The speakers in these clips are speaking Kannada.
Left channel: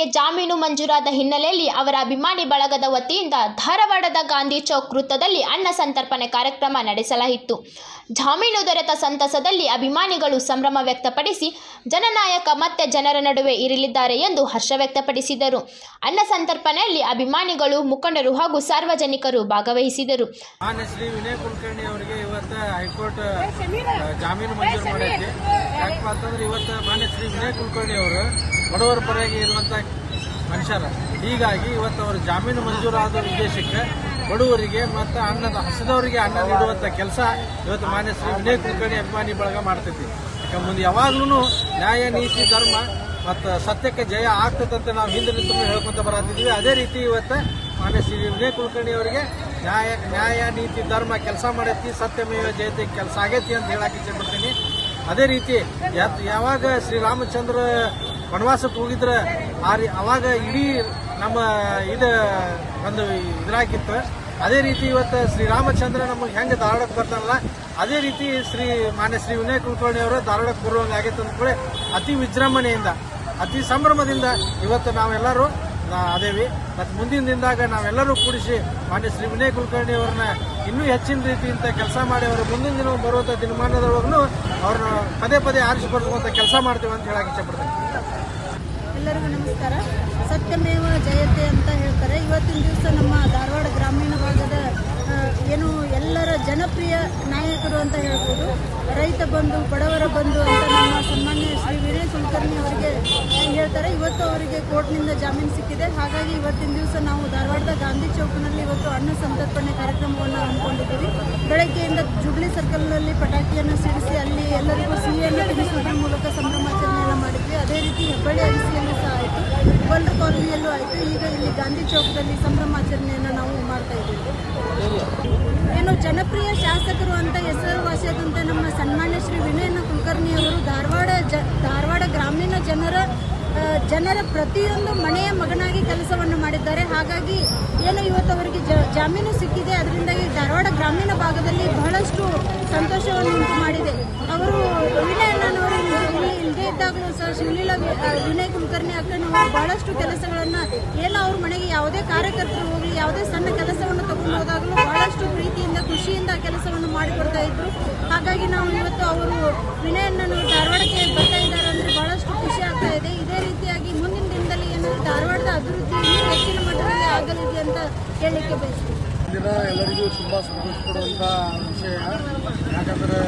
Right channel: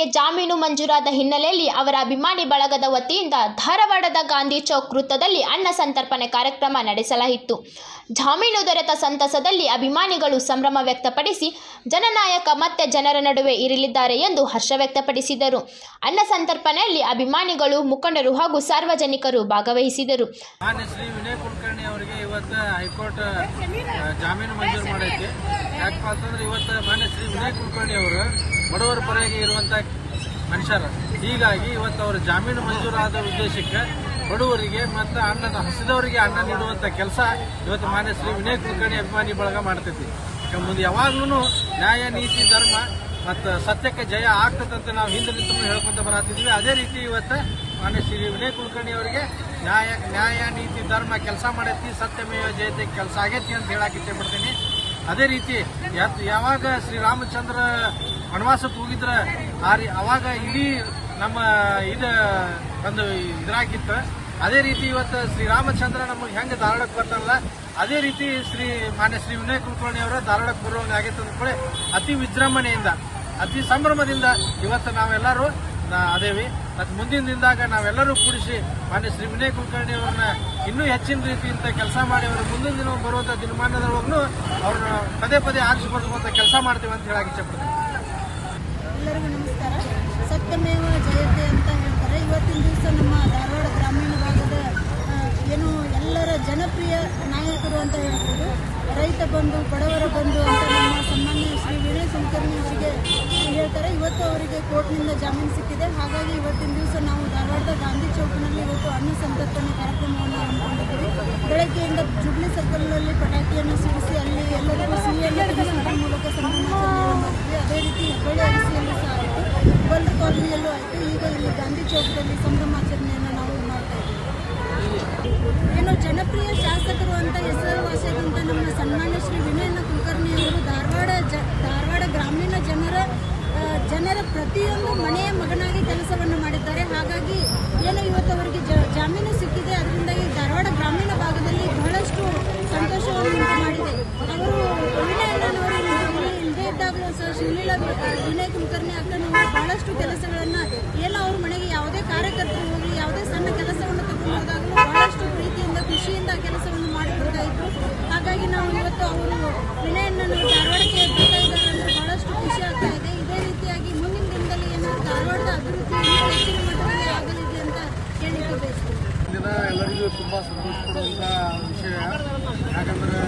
ಅವರಿಗೆ ಜಾಮೀನು ಮಂಜೂರಾದ ಹಿನ್ನೆಲೆಯಲ್ಲಿ ಅವರ ಅಭಿಮಾನಿ ಬಳಗದ ವತಿಯಿಂದ ಧಾರವಾಡದ ಗಾಂಧಿ ಚೌಕ್ ವೃತ್ತದಲ್ಲಿ ಅನ್ನ ಸಂತರ್ಪಣೆ ಕಾರ್ಯಕ್ರಮ ನಡೆಸಲಾಯಿತು. ಜಾಮೀನು ದೊರೆತ ಸಂತಸದಲ್ಲಿ ಅಭಿಮಾನಿಗಳು ಸಂಭ್ರಮ ವ್ಯಕ್ತಪಡಿಸಿ ಜನನಾಯಕ ಮತ್ತೆ ಜನರ ನಡುವೆ ಇರಲಿದ್ದಾರೆ ಎಂದು ಹರ್ಷ ವ್ಯಕ್ತಪಡಿಸಿದರು. ಅನ್ನ ಸಂತರ್ಪಣೆಯಲ್ಲಿ ಅಭಿಮಾನಿಗಳು, ಮುಖಂಡರು ಹಾಗೂ ಸಾರ್ವಜನಿಕರು ಭಾಗವಹಿಸಿದರು. ಶ್ರೀ ವಿನಯ್ ಕುಲಕರ್ಣಿ ಅವರಿಗೆ ಇವತ್ತು ಹೈಕೋರ್ಟ್ ಜಾಮೀನು ಮಂಜೂರು ಮಾಡೈತಿ. ಯಾಕಪ್ಪ ಅಂತಂದ್ರೆ ಇವತ್ತು ಮಾನ್ಯ ಶ್ರೀ ವಿನಯ್ ಕುಲಕರ್ಣಿ ಅವರು ಬಡವರ ಪರವಾಗಿ ಇರುವಂಥ ಮನುಷ್ಯರು. ಹೀಗಾಗಿ ಇವತ್ತು ಅವರು ಜಾಮೀನು ಮಂಜೂರಾದ ಉದ್ದೇಶಕ್ಕೆ ಬಡವರಿಗೆ ಮತ್ತು ಹಸಿದವರಿಗೆ ಅನ್ನ ನೀಡುವಂಥ ಕೆಲಸ ಇವತ್ತು ಮಾನ್ಯ ಶ್ರೀ ವಿನಯ್ ಕುಲಕರ್ಣಿ ಅಭಿಮಾನಿ ಬಳಗ ಮಾಡ್ತೈತಿ. ಮುಂದೆ ಯಾವಾಗ್ಲೂ ನ್ಯಾಯ, ನೀತಿ, ಧರ್ಮ ಮತ್ತು ಸತ್ಯಕ್ಕೆ ಜಯ ಆಗ್ತದಂತ ನಾವು ಹಿಂದೆ ನಿಂತು ಹೇಳ್ಕೊಂತ ಬರತ್ತಿದ್ದೀವಿ. ಅದೇ ರೀತಿ ಇವತ್ತು ಮಾನ್ಯ ಶ್ರೀ ವಿನಯ್ ಕುಲಕರ್ಣಿ ಅವರಿಗೆ ನ್ಯಾಯ, ನೀತಿ, ಧರ್ಮ ಕೆಲಸ ಮಾಡೈತಿ, ಸತ್ಯಮೇವ ಜಯತೆ ಕೆಲಸ ಆಗೈತಿ ಅಂತ ಹೇಳಕ್ಕೆ ಇಚ್ಛೆ ಪಡ್ತೀನಿ. ಅದೇ ರೀತಿ ಯಾವಾಗ ಶ್ರೀರಾಮಚಂದ್ರ ವನವಾಸಕ್ಕೆ ಹೋಗಿದ್ರೆ ಅವಾಗ ಇಡೀ ನಮ್ಮ ಒಂದು ಇದ್ರಾಗಿತ್ತು. ಅದೇ ರೀತಿ ಇವತ್ತು ಶ್ರೀರಾಮಚಂದ್ರ ನಮಗೆ ಹೆಂಗೆ ಧಾರವಾಡಕ್ಕೆ ಬರ್ತಾರಲ್ಲ, ಅದೇ ರೀತಿ ಮಾನ್ಯ ಶ್ರೀ ವಿನಯ್ ಕುಲಕರ್ಣಿ ಅವರ ಧಾರವಾಡಕ್ಕೆ ಬರುವಂಗೆ ಆಗೈತೆ ಅಂದ್ಕೊಳ್ಳಿ ಅತಿ ವಿಜೃಂಭಣೆಯಿಂದ, ಅತಿ ಸಂಭ್ರಮದಿಂದ ಇವತ್ತು ನಾವೆಲ್ಲರೂ ಅದೇವಿ. ಮತ್ತು ಮುಂದಿನ ದಿನದಾಗ ನಾವೆಲ್ಲರೂ ಕೂಡಿಸಿ ಮಾನ್ಯ ಶ್ರೀ ವಿನಯ್ ಕುಲಕರ್ಣಿ ಅವ್ರನ್ನ ಇನ್ನೂ ಹೆಚ್ಚಿನ ರೀತಿಯಿಂದ ಕೆಲಸ ಮಾಡಿ ಅವರ ಮುಂದಿನ ದಿನ ಬರುವಂಥ ದಿನಮಾನದೊಳಗೂ ಅವ್ರನ್ನ ಪದೇ ಪದೇ ಆರಿಸಿಕೊಳ್ಳುವಂಥ ಕೆಲಸ ಮಾಡ್ತೀವಿ ಅಂತ ಹೇಳಕ್ಕೆ ಇಷ್ಟಪಡ್ತೀನಿ. ಎಲ್ಲರಿಗೂ ನಮಸ್ಕಾರ. ಸತ್ಯಮೇವ ಜಯತೆ ಅಂತ ಹೇಳ್ತಾರೆ. ಇವತ್ತಿನ ದಿವಸ ನಮ್ಮ ಧಾರವಾಡ ಗ್ರಾಮೀಣ ಭಾಗದ ಎಲ್ಲರ ಜನಪ್ರಿಯ ನಾಯಕರು ಅಂತ ಹೇಳ್ಬೋದು. ರೈತ ಬಂಧು, ಬಡವರ ಬಂಧು ಅಂತ ನಮ್ಮ ಸನ್ಮಾನ್ಯ ಶ್ರೀ ವಿನಯ್ ಕುಲಕರ್ಣಿ ಅವರಿಗೆ ಹೇಳ್ತಾರೆ. ಇವತ್ತು ಅವರಿಗೆ ಕೋರ್ಟ್ನಿಂದ ಜಾಮೀನು ಸಿಕ್ಕಿದೆ. ಹಾಗಾಗಿ ಇವತ್ತಿನ ದಿವಸ ನಾವು ಧಾರವಾಡದ ಗಾಂಧಿ ಚೌಕ್ನಲ್ಲಿ ಇವತ್ತು ಅನ್ನ ಸಂತರ್ಪಣೆ ಕಾರ್ಯಕ್ರಮವನ್ನು ಹಮ್ಮಿಕೊಂಡಿದ್ದೀವಿ. ಬೆಳಗ್ಗೆಯಿಂದ ಜುಬ್ಲಿ ಸರ್ಕಲ್ನಲ್ಲಿ ಪಟಾಕಿಯನ್ನು ಸಿಡಿಸಿ ಅಲ್ಲಿ ಎಲ್ಲರಿಗೂ ಸಿಹಿಯನ್ನು ತಿನ್ನಿಸುವುದರ ಮೂಲಕ ಸಂಭ್ರಮಾಚರಣೆಯನ್ನು ಮಾಡಿದ್ವಿ. ಅದೇ ರೀತಿ ಹೆಬ್ಬಳ್ಳಿ ಅಗಸಿಯಲ್ಲೂ ಸಹ ಆಯಿತು, ವರ್ಲ್ಡ್ ಕಾಲೋನಿಯಲ್ಲೂ ಆಯಿತು. ಈಗ ಇಲ್ಲಿ ಗಾಂಧಿ ಚೌಕದಲ್ಲಿ ಸಂಭ್ರಮಾಚರಣೆಯನ್ನು ನಾವು ಮಾಡ್ತಾ ಇದ್ದೀವಿ. ಜನಪ್ರಿಯ ಶಾಸಕರು ಅಂತ ಹೆಸರುವಾಸಿಯಾದಂಥ ನಮ್ಮ ಸನ್ಮಾನ್ಯ ಶ್ರೀ ವಿನಯ್ ಕುಲಕರ್ಣಿ ಅವರು ಧಾರವಾಡ ಗ್ರಾಮೀಣ ಜನರ ಪ್ರತಿಯೊಂದು ಮನೆಯ ಮಗನಾಗಿ ಕೆಲಸವನ್ನು ಮಾಡಿದ್ದಾರೆ. ಹಾಗಾಗಿ ಇವತ್ತು ಅವರಿಗೆ ಜಾಮೀನು ಸಿಕ್ಕಿದೆ. ಅದರಿಂದಾಗಿ ಧಾರವಾಡ ಗ್ರಾಮೀಣ ಭಾಗದಲ್ಲಿ ಬಹಳಷ್ಟು ಸಂತೋಷವನ್ನು ಉಂಟು ಮಾಡಿದೆ. ಅವರು ವಿನಯ್ ಅಣ್ಣನವರು ಇಲ್ಲದೇ ಇದ್ದಾಗಲೂ ಸಹ ಶಿವಲೀಲಾ ವಿನಯ್ ಕುಲಕರ್ಣಿ ಅಕ್ಕನವರು ಬಹಳಷ್ಟು ಕೆಲಸಗಳನ್ನು ಅವ್ರ ಮನೆಗೆ ಯಾವುದೇ ಕಾರ್ಯಕರ್ತರು ಹೋಗಲಿ, ಯಾವುದೇ ಸಣ್ಣ ಕೆಲಸವನ್ನು ತಗೊಂಡು ಹೋದಾಗಲೂ ಬಹಳಷ್ಟು ಪ್ರೀತಿಯಿಂದ, ಖುಷಿಯಿಂದ ಕೆಲಸವನ್ನು ಮಾಡಿಕೊಡ್ತಾ ಇದ್ರು. ಹಾಗಾಗಿ ನಾವು ಇವತ್ತು ಅವರು ವಿನಯ್ ಅಣ್ಣನವರು ಧಾರವಾಡಕ್ಕೆ ಬರ್ತಾ ಇದ್ದಾರೆ ಅಂದರೆ ಬಹಳಷ್ಟು ಖುಷಿ ಆಗ್ತಾ ಇದೆ. ಇದೇ ರೀತಿಯಾಗಿ ಮುಂದಿನ ದಿನದಲ್ಲಿ ಧಾರವಾಡದ ಅಭಿವೃದ್ಧಿ ಇನ್ನೂ ಹೆಚ್ಚಿನ ಮಟ್ಟದಲ್ಲಿ ಆಗಲಿದೆ ಅಂತ ಹೇಳಲಿಕ್ಕೆ ಬಯಸ್ತೀವಿ. ದಿನ ಎಲ್ಲರಿಗೂ ತುಂಬ ಸಂತೋಷ ಪಡುವಂಥ ವಿಷಯ. ಯಾಕಂದರೆ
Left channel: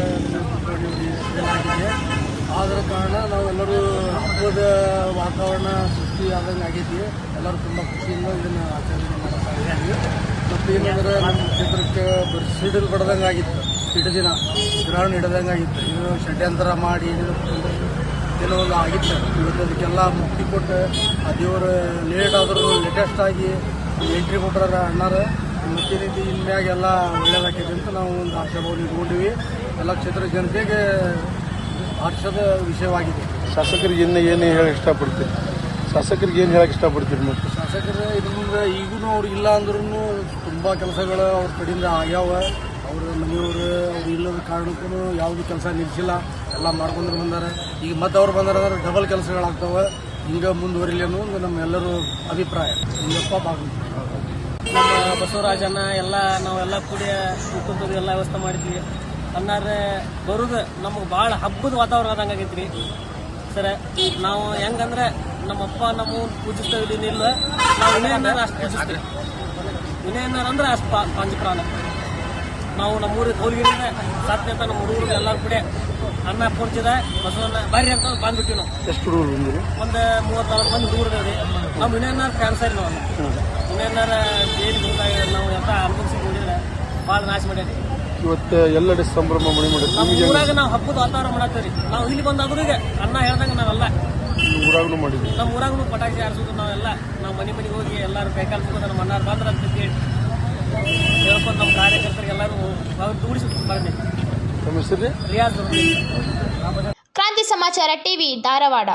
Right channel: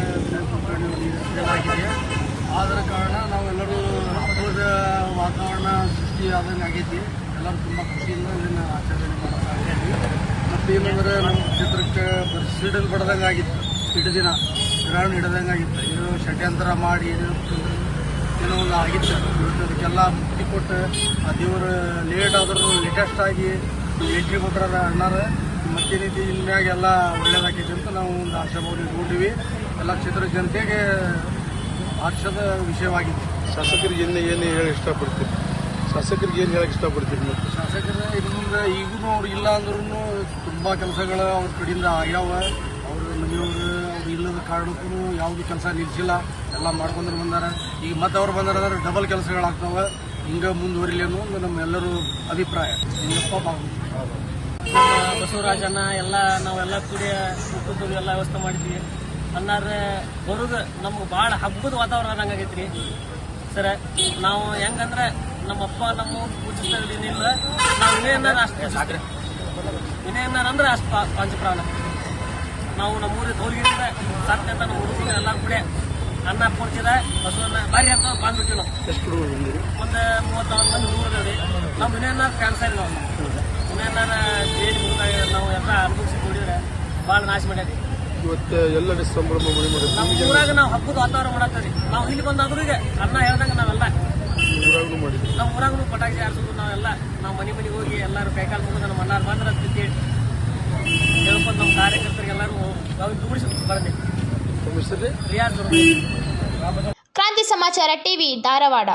ಏನಾಗಿದೆ ಆದ ಕಾರಣ ನಾವೆಲ್ಲರೂ ಹಬ್ಬದ ವಾತಾವರಣ ಸೃಷ್ಟಿ ಆದಂಗೆ ಆಗೈತಿ. ಎಲ್ಲರೂ ತುಂಬ ಖುಷಿಯಿಂದ ಇದನ್ನು ಆಚರಣೆ ಮಾಡ್ತಾ ಇದ್ದೀವಿ. ಮತ್ತು ಏನಂದರೆ ನಮ್ಮ ಕ್ಷೇತ್ರಕ್ಕೆ ಸಿಡಿಲು ಬಡ್ದಂಗೆ ಆಗಿತ್ತು, ದಿನ ಗ್ರಹಣ ಹಿಡ್ದಂಗೆ ಆಗಿತ್ತು. ಇದು ಷಡ್ಯಂತ್ರ ಮಾಡಿ ಏನೋ ಒಂದು ಆಗಿತ್ತು. ಇವತ್ತದಕ್ಕೆಲ್ಲ ಮುಕ್ತಿ ಕೊಟ್ಟು ಆ ದೇವರು ಲೇಟ್ ಆದರೂ ಲೇಟೆಸ್ಟ್ ಆಗಿ ಎಂಟ್ರಿ ಕೊಟ್ಟರ ಅಣ್ಣಾರ ಮತ್ತೆ ರೀತಿ ಇನ್ಮ್ಯಾಗೆಲ್ಲ ಒಳ್ಳೇದಾಗಿದೆ ಅಂತ ನಾವು ಒಂದು ಆಶಾಭಾವನೆ ಇಟ್ಕೊಂಡಿವಿ. ಎಲ್ಲ ಕ್ಷೇತ್ರ ಜನತೆಗೆ ಹರ್ಷದ ವಿಷಯವಾಗಿದೆ. ಶಾಸಕರಿಗೆ ಏನು ಹೇಳಕ್ಕೆ ಇಷ್ಟಪಡ್ತೀರಿ? ಶಾಸಕರಿಗೆ ಏನು ಹೇಳಕ್ಕೆ ಇಷ್ಟಪಡ್ತೀರಿ ನೀವು? ಶಾಸಕರ ಇದರಿಂದ ಈಗೂ ಅವ್ರು ಇಲ್ಲ ಅಂದ್ರೂ ತುಂಬ ಕೆಲಸಗಳು ಅವ್ರ ಕಡೆಯಿಂದ ಆಗ್ಯಾವ. ಅವರು ಮನೆಯವರು ಅವ್ರು ಇಲ್ಲದ ಕಾರಣಕ್ಕೂ ಯಾವುದು ಕೆಲಸ ನಿಲ್ಲಿಸಿಲ್ಲ, ಎಲ್ಲ ಮಾಡ್ಕೊಂಡು ಬಂದಾರ. ಈಗ ಮತ್ತೆ ಅವ್ರು ಬಂದಾರಂದ್ರೆ ಡಬಲ್ ಕೆಲಸಗಳಾಗ್ತಾವೆ. ಹಿಂಗೆ ಮುಂದುವರಿಲಿ ಅನ್ನೋ ಒಂದು ನಮ್ಮೆಲ್ಲರೂ ಅಭಿಪ್ರಾಯ. ಹಿಂಗಪ್ಪ ನಮ್ಮ ಬಸವರಾಜನ ನಾವೆಲ್ಲ ಕೂಡಿ ಊಟದ್ದು ಎಲ್ಲ ವ್ಯವಸ್ಥೆ ಮಾಡಿದ್ವಿ. ಅನ್ನಾರ ಬರೋದು ನಮ್ಗೆ ಭಾಳ ಹಬ್ಬದ ವಾತಾವರಣ ಆದಂಗೆ ಆಗೈತ್ರಿ ಸರ. ನಾವು ಹೆಂಗಂದ್ರೆ ನಮ್ಮಪ್ಪ ನಮ್ಮ ಪೂಜಿಸ್ತಾ ಇಲ್ಲ, ನಾವು ವಿನಯನ್ನಾರ ಅಷ್ಟು ಪೂಜಿಸ್ತೀವಿ. ವಿನಯನ್ನಾರ ಅಂದ್ರೆ ಅಷ್ಟು ಪಂಚಪ್ರಾಣ. ನಾವು ನಮ್ಮೂರಿಗೆ ಹೋಗಿರಿಂದ ಸಾಧ್ಯ ನಮ್ಮ ಹುಡುಗರು ಎಲ್ಲ ಕೂಡ ಅನ್ನ ಕೊಡ್ತಿದ ಬಸವನ್ನ ಬಾರಿ ಅಂತ ಬಂದ್ಬಿಟ್ಟಿವಿ. ನಾವು ಎಷ್ಟು ಹುಡುಗರು? ಒಂದು 34 ಮಂದಿ ಹುಡುಗರು. ನಾವು ವಿನಯನ್ನಾರ ಕ್ಯಾನ್ಸರ್ ನಾವು ವಿನಯನ್ನಾರ ನಾವು ಎಲ್ಲ ಅನುಭವಿಸಿ ನೋಡಿದ್ರೆ ಭಾಳ ನಾಶ ಮಾಡ್ಯಾರ. ಇವತ್ತು ಎಲ್ಲೆಡೆ ಸಂಭ್ರಮ ಮಾಡಿ ನಮ್ಮ ಊರಾಗ ನಾವು ಹಬ್ಬದ ವಾತಾವರಣ ಮಾಡತ್ತೀವಿ. ನಾವು ಇಲ್ಲಿ ಬಂದಾದ್ರಿಗೆ ಅನ್ನ ಹೇಳ್ದಂಗೆ ನಾವೆಲ್ಲ ಊರಾಗೂ ಮಾಡಿದ್ವಿ. ನಮ್ಮ ಊರಾಗೂ ಪಟಾಕಿ ಆರಿಸಿದ್ರು. ನಾವು ಮನೆಗೆ ಹೋಗಿ ಎಲ್ಲರೂ ಕೈಕಾಲು ಮುಗಿದ ನಮ್ಮ ಅನ್ನಾರು ಬಂದ್ರೆ ಅಂತ ಕೇಳಿ ಹೇಳ್ಕೊಂಡು ನಮ್ಮ ಕಾರ್ಯಕರ್ತರಿಗೆ ಎಲ್ಲರೂ ಕೂಡಿಸಿ ಬರ್ಬೇಕು. ಕ್ರಾಂತಿ ಸಮಾಚಾರ ಟಿವಿ ಧಾರವಾಡ.